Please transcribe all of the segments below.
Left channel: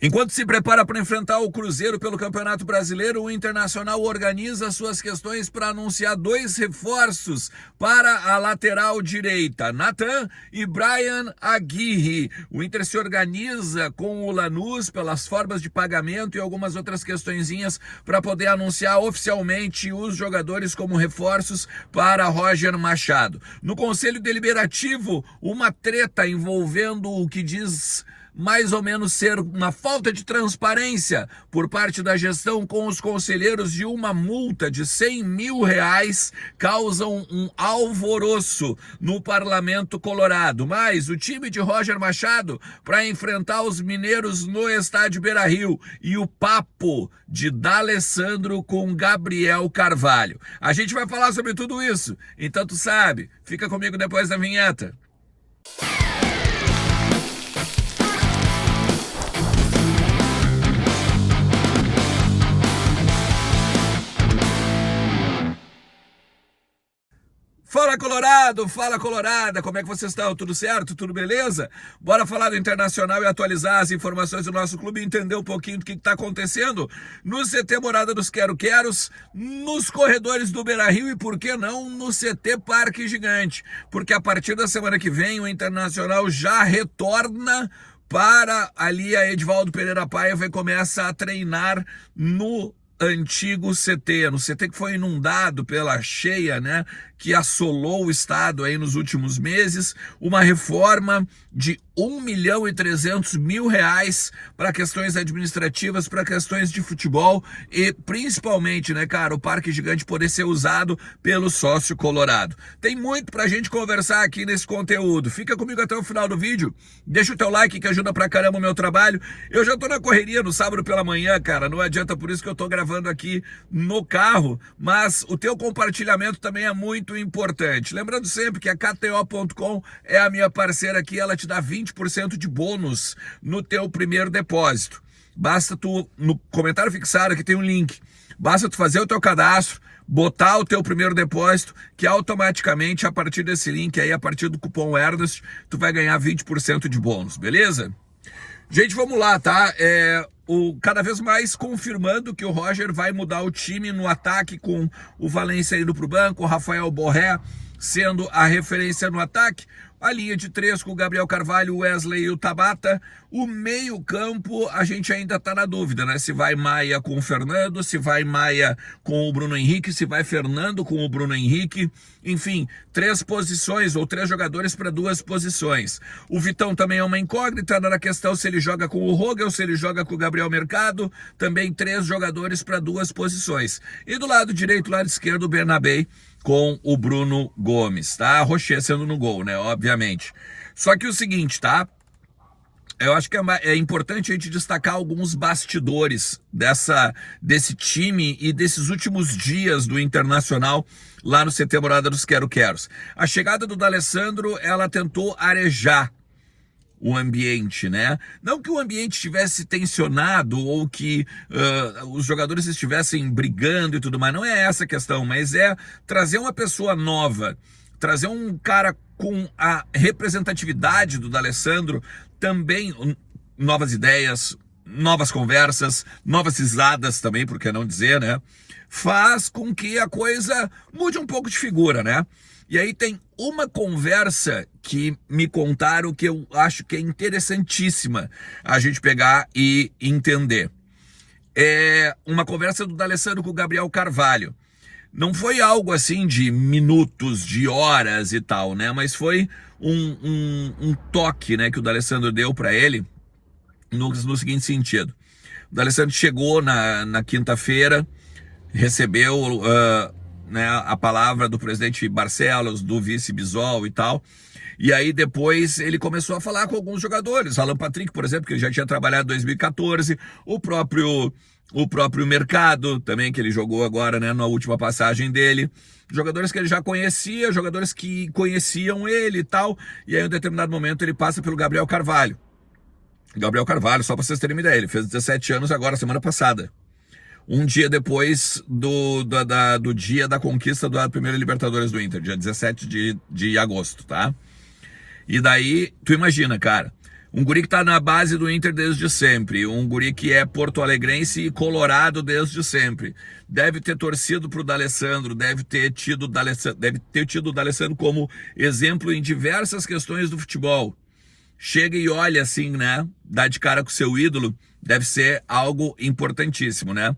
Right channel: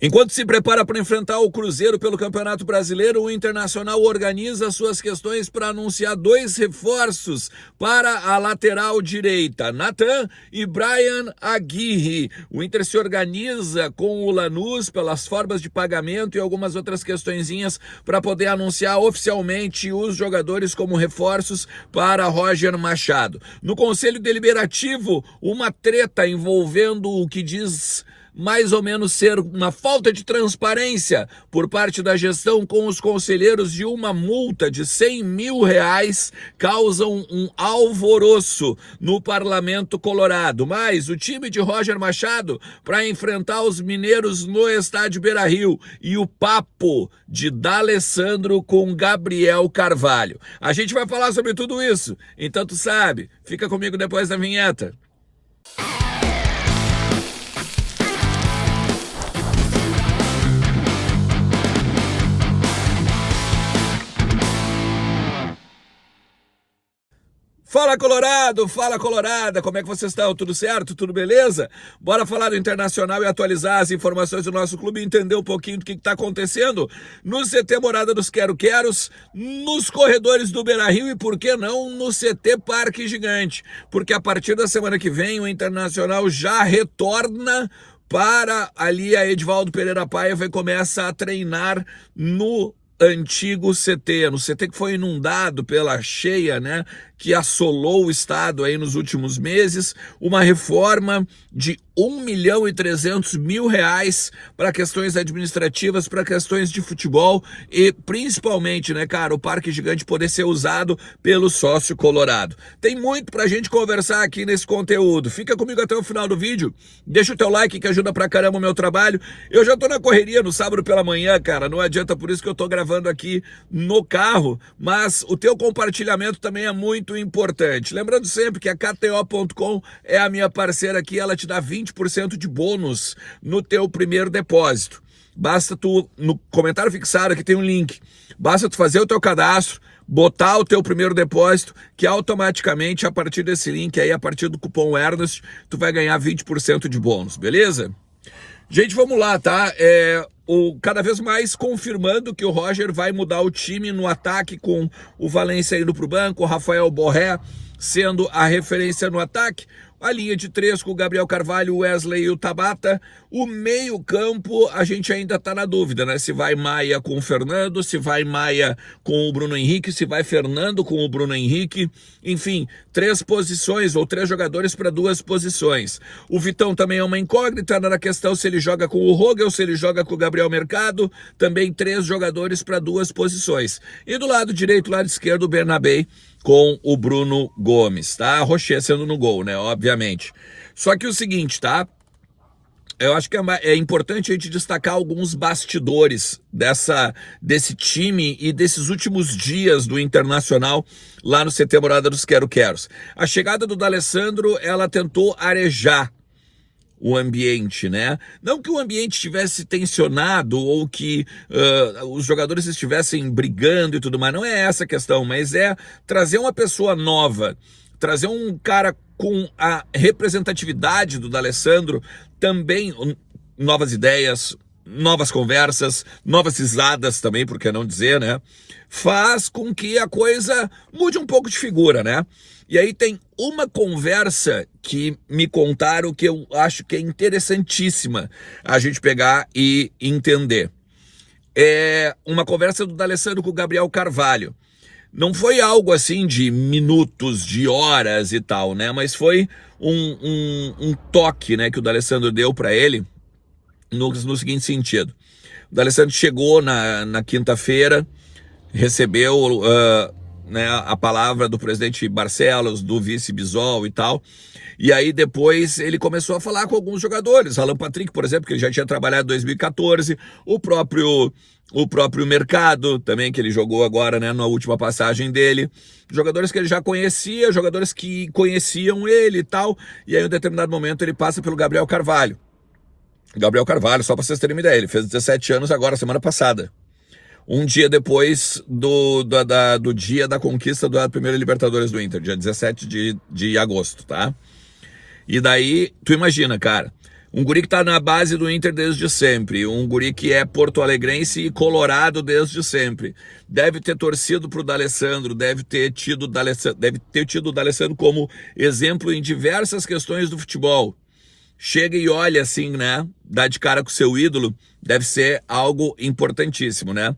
Enquanto se prepara para enfrentar o Cruzeiro pelo Campeonato Brasileiro, o Internacional organiza suas questões para anunciar 2 reforços para a lateral direita, Nathan e Brian Aguirre. O Inter se organiza com o Lanús pelas formas de pagamento e algumas outras questõezinhas para poder anunciar oficialmente os jogadores como reforços para Roger Machado. No Conselho Deliberativo, uma treta envolvendo o que diz mais ou menos ser uma falta de transparência por parte da gestão com os conselheiros de uma multa de R$100 mil causam um alvoroço no Parlamento Colorado. Mas o time de Roger Machado para enfrentar os mineiros no estádio Beira-Rio e o papo de D'Alessandro com Gabriel Carvalho. A gente vai falar sobre tudo isso, então tu sabe, fica comigo depois da vinheta. Fala Colorado, fala Colorada, como é que vocês estão? Tudo certo? Tudo beleza? Bora falar do Internacional e atualizar as informações do nosso clube e entender um pouquinho do que está acontecendo no CT Morada dos Quero-Queros, nos corredores do Beira-Rio e, por que não, no CT Parque Gigante, porque a partir da semana que vem o Internacional já retorna para ali a Edivaldo Pereira Paiva e começa a treinar no antigo CT, no CT que foi inundado pela cheia, né, que assolou o estado aí nos últimos meses, uma reforma de R$1.300.000 para questões administrativas, para questões de futebol e principalmente, né, cara, o Parque Gigante poder ser usado pelo sócio colorado. Tem muito pra gente conversar aqui nesse conteúdo. Fica comigo até o final do vídeo, deixa o teu like que ajuda pra caramba o meu trabalho. Eu já tô na correria no sábado pela manhã, cara, não adianta, por isso que eu tô gravando aqui no carro, mas o teu compartilhamento também é muito importante. Lembrando sempre que a KTO.com é a minha parceira aqui, ela te dá 20% de bônus no teu primeiro depósito. Basta tu, no comentário fixado aqui tem um link, basta tu fazer o teu cadastro, botar o teu primeiro depósito, que automaticamente a partir desse link aí, a partir do cupom Ernest, tu vai ganhar 20% de bônus, beleza? Gente, vamos lá, tá? Cada vez mais confirmando que o Roger vai mudar o time no ataque, com o Valência indo para o banco, o Rafael Borré sendo a referência no ataque, a linha de 3 com o Gabriel Carvalho, o Wesley e o Tabata. O meio campo a gente ainda está na dúvida, né? Se vai Maia com o Fernando, se vai Maia com o Bruno Henrique, se vai Fernando com o Bruno Henrique. Enfim, 3 posições ou 3 jogadores para 2 posições. O Vitão também é uma incógnita na questão se ele joga com o Rogel, se ele joga com o Gabriel Mercado. Também 3 jogadores para 2 posições. E do lado direito, lado esquerdo, o Bernabé com o Bruno Gomes, tá? Rocher sendo no gol, né? Obviamente. Só que o seguinte, tá? Eu acho que é importante a gente destacar alguns bastidores desse time e desses últimos dias do Internacional lá no CT Morada dos Quero-Queros. A chegada do D'Alessandro, ela tentou arejar o ambiente, né? Não que o ambiente estivesse tensionado ou que os jogadores estivessem brigando e tudo mais, não é essa a questão, mas é trazer uma pessoa nova, trazer um cara com a representatividade do D'Alessandro, também novas ideias, novas conversas, novas risadas também, por que não dizer, né? Faz com que a coisa mude um pouco de figura, né? E aí tem uma conversa que me contaram que eu acho que é interessantíssima a gente pegar e entender. É uma conversa do D'Alessandro com o Gabriel Carvalho. Não foi algo assim de minutos, de horas e tal, né? Mas foi um toque, né, que o D'Alessandro deu para ele no seguinte sentido. O D'Alessandro chegou na quinta-feira, recebeu né, a palavra do presidente Barcelos, do vice Bisol e tal, e aí depois ele começou a falar com alguns jogadores, Alan Patrick, por exemplo, que ele já tinha trabalhado em 2014, o próprio Mercado também, que ele jogou agora, né, na última passagem dele, jogadores que ele já conhecia, jogadores que conheciam ele e tal, e aí em um determinado momento ele passa pelo Gabriel Carvalho. Gabriel Carvalho, só para vocês terem uma ideia, ele fez 17 anos agora, semana passada. Um dia depois do dia da conquista da primeira Libertadores do Inter, dia 17 de agosto, tá? E daí, tu imagina, cara, Um guri que tá na base do Inter desde sempre, um guri que é porto-alegrense e colorado desde sempre. Deve ter torcido pro D'Alessandro, deve ter tido o D'Alessandro como exemplo em diversas questões do futebol. Chega e olha assim, né? Dá de cara com o seu ídolo, deve ser algo importantíssimo, né?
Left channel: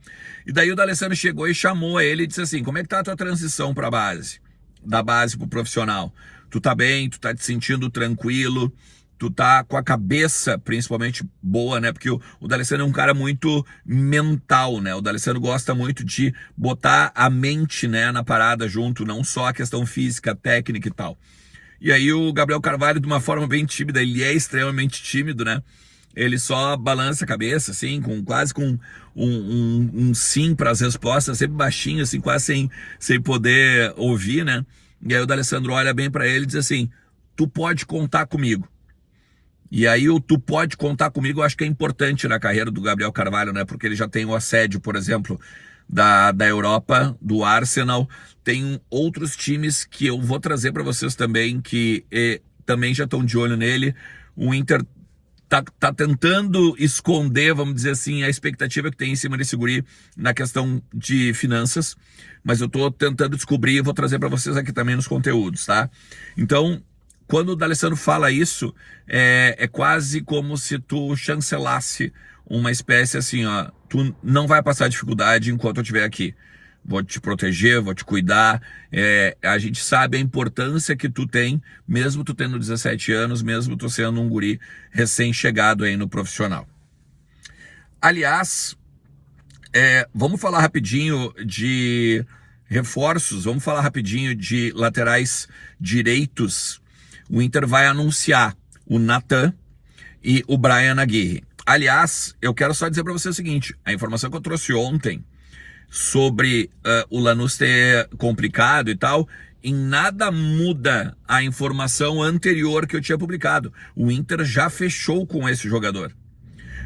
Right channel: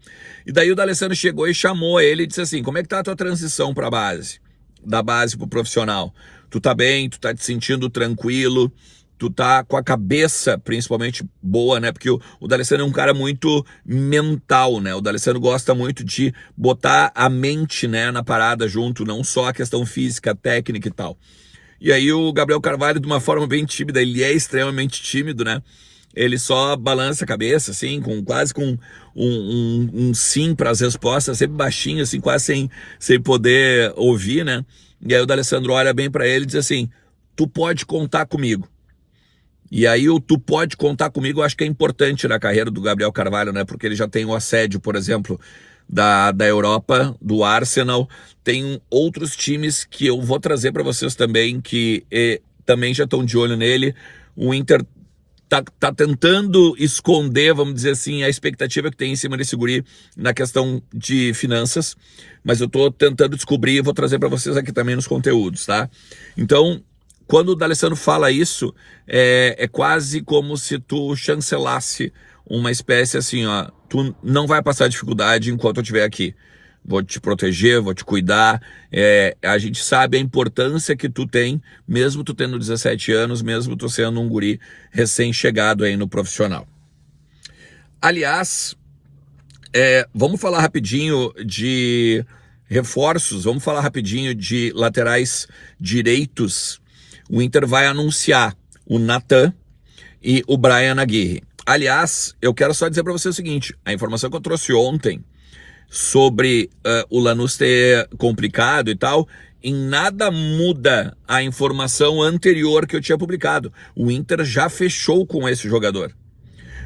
E daí o D'Alessandro chegou e chamou ele e disse assim: como é que tá a tua transição pra base? Da base pro profissional? Tu tá bem? Tu tá te sentindo tranquilo? Tu tá com a cabeça principalmente boa, né? Porque o D'Alessandro é um cara muito mental, né? O D'Alessandro gosta muito de botar a mente, né, na parada junto, não só a questão física, técnica e tal. E aí o Gabriel Carvalho, de uma forma bem tímida, ele é extremamente tímido, né? Ele só balança a cabeça, assim, quase com um sim para as respostas, sempre baixinho, assim, quase sem poder ouvir, né? E aí o D'Alessandro olha bem para ele e diz assim: tu pode contar comigo. E aí o tu pode contar comigo, eu acho que é importante na carreira do Gabriel Carvalho, né? Porque ele já tem o assédio, por exemplo, da Europa, do Arsenal. Tem outros times que eu vou trazer para vocês também, que também já estão de olho nele. O Inter tá tentando esconder, vamos dizer assim, a expectativa que tem em cima desse guri na questão de finanças, mas eu tô tentando descobrir e vou trazer para vocês aqui também nos conteúdos, tá? Então, quando o D'Alessandro fala isso, é quase como se tu chancelasse uma espécie assim, ó, tu não vai passar dificuldade enquanto eu estiver aqui. Vou te proteger, vou te cuidar. A gente sabe a importância que tu tem, mesmo tu tendo 17 anos, mesmo tu sendo um guri recém-chegado aí no profissional. Aliás, vamos falar rapidinho de reforços, vamos falar rapidinho de laterais direitos. O Inter vai anunciar o Natan e o Brian Aguirre. Aliás, eu quero só dizer para você o seguinte: a informação que eu trouxe ontem sobre o Lanús ter complicado e tal, em nada muda a informação anterior que eu tinha publicado. O Inter já fechou com esse jogador.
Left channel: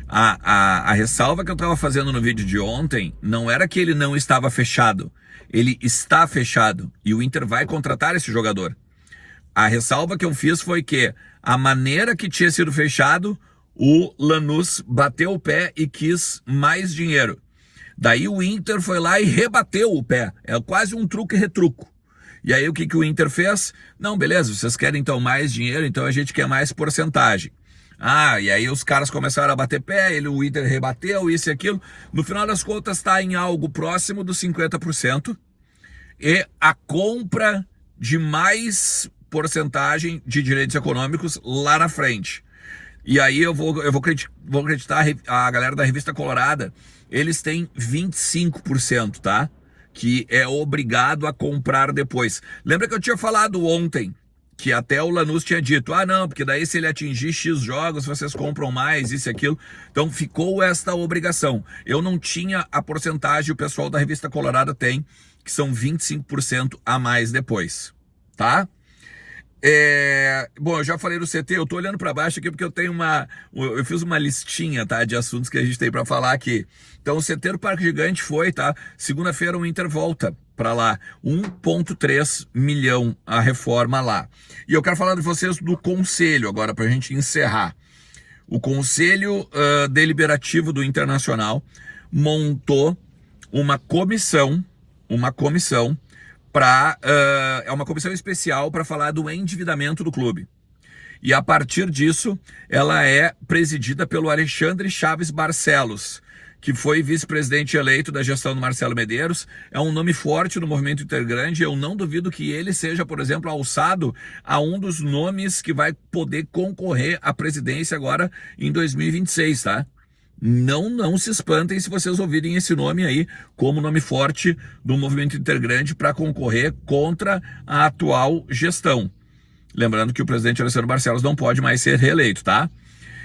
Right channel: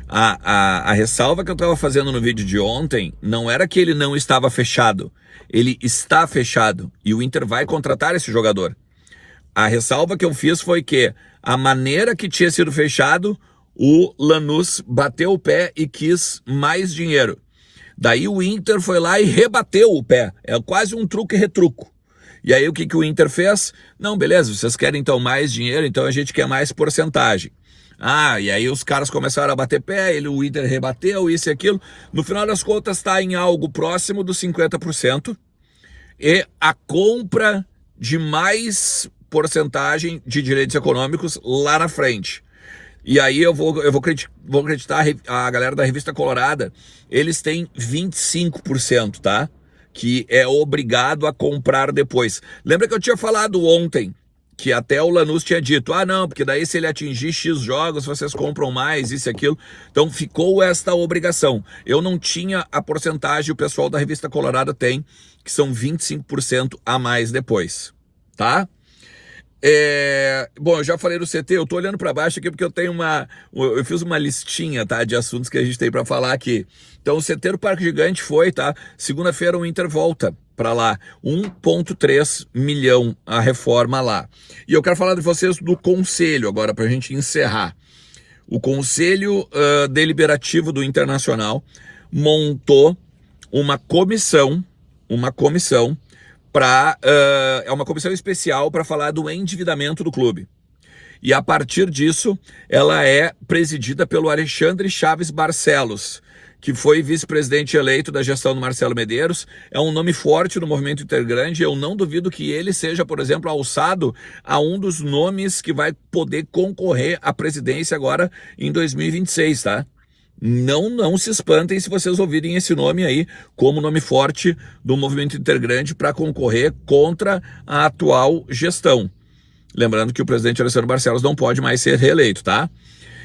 A ressalva que eu estava fazendo no vídeo de ontem não era que ele não estava fechado. Ele está fechado e o Inter vai contratar esse jogador. A ressalva que eu fiz foi que a maneira que tinha sido fechado, o Lanús bateu o pé e quis mais dinheiro. Daí o Inter foi lá e rebateu o pé. É quase um truque e retruco. E aí o que o Inter fez? Não, beleza, vocês querem então mais dinheiro, então a gente quer mais porcentagem. E aí os caras começaram a bater pé, o Inter rebateu, isso e aquilo. No final das contas está em algo próximo dos 50%. E a compra de mais porcentagem de direitos econômicos lá na frente. E aí eu vou acreditar a galera da Revista Colorada, eles têm 25%, tá? Que é obrigado a comprar depois. Lembra que eu tinha falado ontem que até o Lanús tinha dito: não, porque daí se ele atingir X jogos, vocês compram mais, isso e aquilo. Então ficou esta obrigação. Eu não tinha a porcentagem, o pessoal da Revista Colorada tem, que são 25% a mais depois, tá? Bom, eu já falei do CT, eu tô olhando para baixo aqui porque eu fiz uma listinha, tá, de assuntos que a gente tem para falar aqui. Então o CT do Parque Gigante foi, tá? Segunda-feira o Inter volta para lá, 1,3 milhão a reforma lá. E eu quero falar de vocês do conselho agora, pra gente encerrar. O Conselho Deliberativo do Internacional montou uma comissão é uma comissão especial para falar do endividamento do clube. E a partir disso, ela é presidida pelo Alexandre Chaves Barcelos, que foi vice-presidente eleito da gestão do Marcelo Medeiros. É um nome forte no movimento intergrande. Eu não duvido que ele seja, por exemplo, alçado a um dos nomes que vai poder concorrer à presidência agora em 2026, tá? Não se espantem se vocês ouvirem esse nome aí como nome forte do movimento intergrande para concorrer contra a atual gestão. Lembrando que o presidente Alessandro Barcelos não pode mais ser reeleito, tá?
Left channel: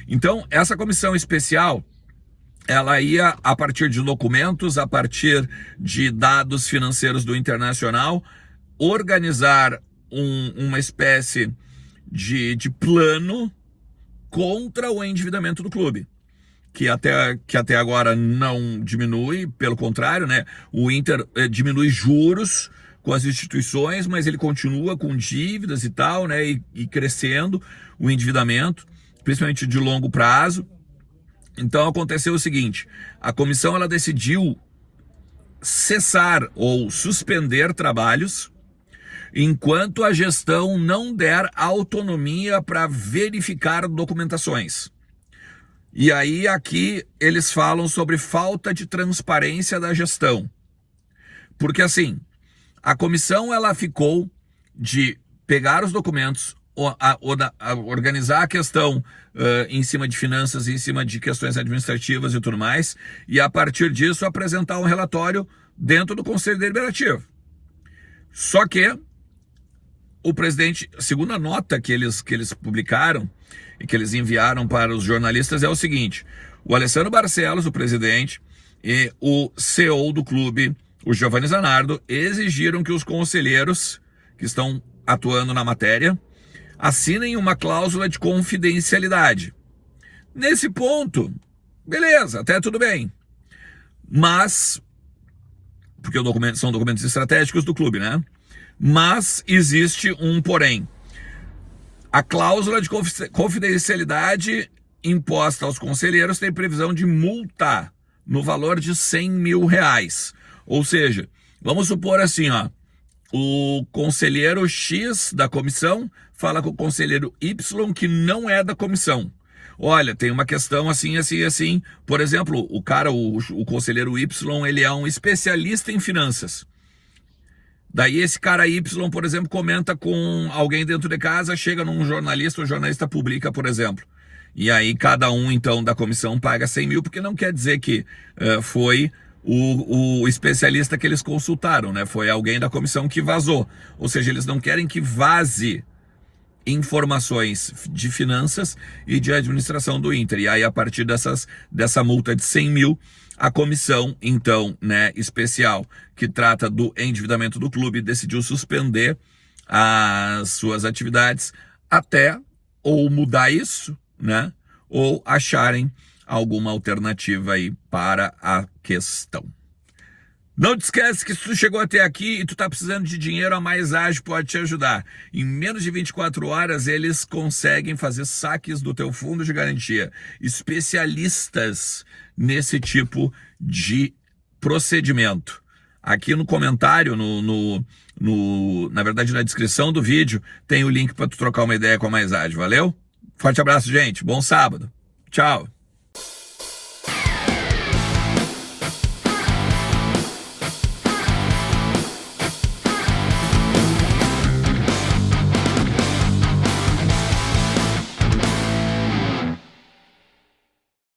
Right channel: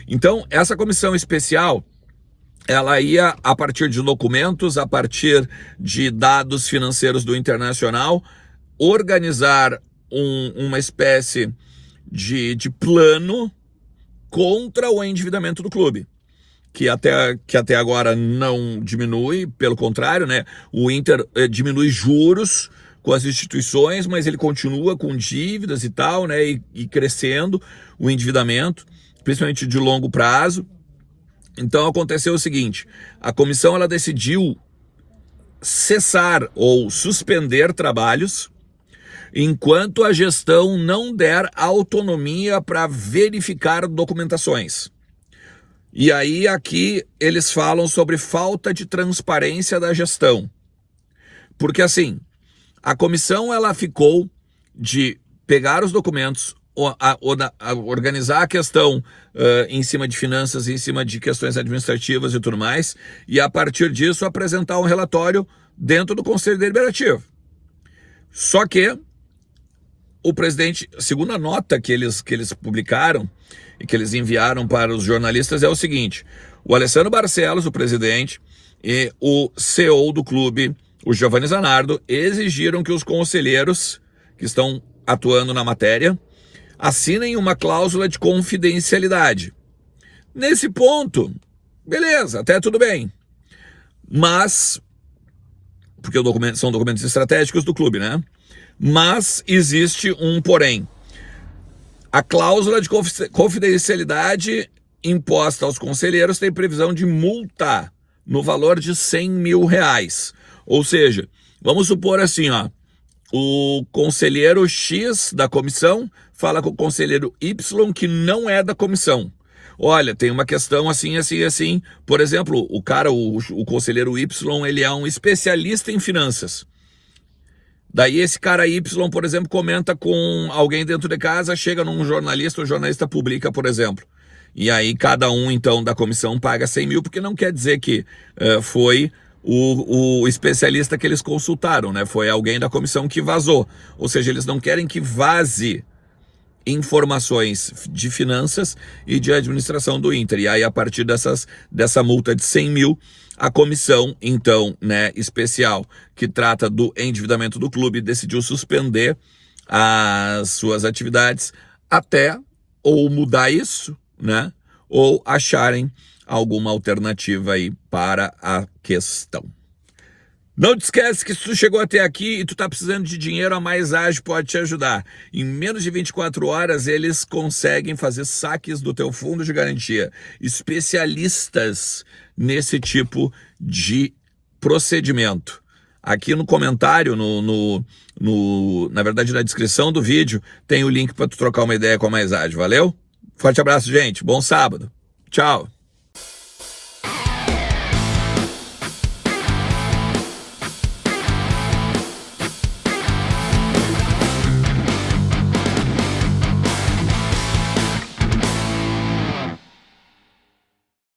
Então, essa comissão especial, ela ia, a partir de documentos, a partir de dados financeiros do Internacional, organizar uma espécie de plano contra o endividamento do clube. Que até agora não diminui, pelo contrário, né? O Inter diminui juros com as instituições, mas ele continua com dívidas e tal, né? E crescendo o endividamento. principalmente de longo prazo. Então aconteceu o seguinte, a comissão ela decidiu cessar ou suspender trabalhos enquanto a gestão não der autonomia para verificar documentações. E aí aqui eles falam sobre falta de transparência da gestão. Porque assim, a comissão ela ficou de pegar os documentos, organizar a questão em cima de finanças, em cima de questões administrativas e tudo mais, e a partir disso apresentar um relatório dentro do Conselho Deliberativo. Só que o presidente, segundo a nota que eles publicaram e que eles enviaram para os jornalistas, é o seguinte: o Alessandro Barcelos, o presidente, e o CEO do clube, o Giovanni Zanardo, exigiram que os conselheiros que estão atuando na matéria assinem uma cláusula de confidencialidade. Nesse ponto, beleza, até tudo bem. Mas, porque são documentos estratégicos do clube, né? Mas existe um porém. A cláusula de confidencialidade imposta aos conselheiros tem previsão de multa no valor de R$100 mil. Ou seja, vamos supor assim, ó, o conselheiro X da comissão fala com o conselheiro Y que não é da comissão. Olha, tem uma questão assim, assim, assim. Por exemplo, o conselheiro Y, ele é um especialista em finanças. Daí esse cara Y, por exemplo, comenta com alguém dentro de casa, chega num jornalista, o jornalista publica, por exemplo. E aí cada um, então, da comissão paga 100 mil, porque não quer dizer que foi o especialista que eles consultaram, né? Foi alguém da comissão que vazou. Ou seja, eles não querem que vaze informações de finanças e de administração do Inter. E aí, a partir dessa multa de 100 mil, a comissão, então, né, especial, que trata do endividamento do clube, decidiu suspender as suas atividades até ou mudar isso, né, ou acharem alguma alternativa aí para a questão. Não te esquece que se tu chegou até aqui e tu tá precisando de dinheiro, a Mais Ágil pode te ajudar. Em menos de 24 horas, eles conseguem fazer saques do teu fundo de garantia. Especialistas nesse tipo de procedimento. Aqui no comentário, na verdade na descrição do vídeo, tem o link para tu trocar uma ideia com a Mais Ágil. Valeu? Forte abraço, gente. Bom sábado. Tchau.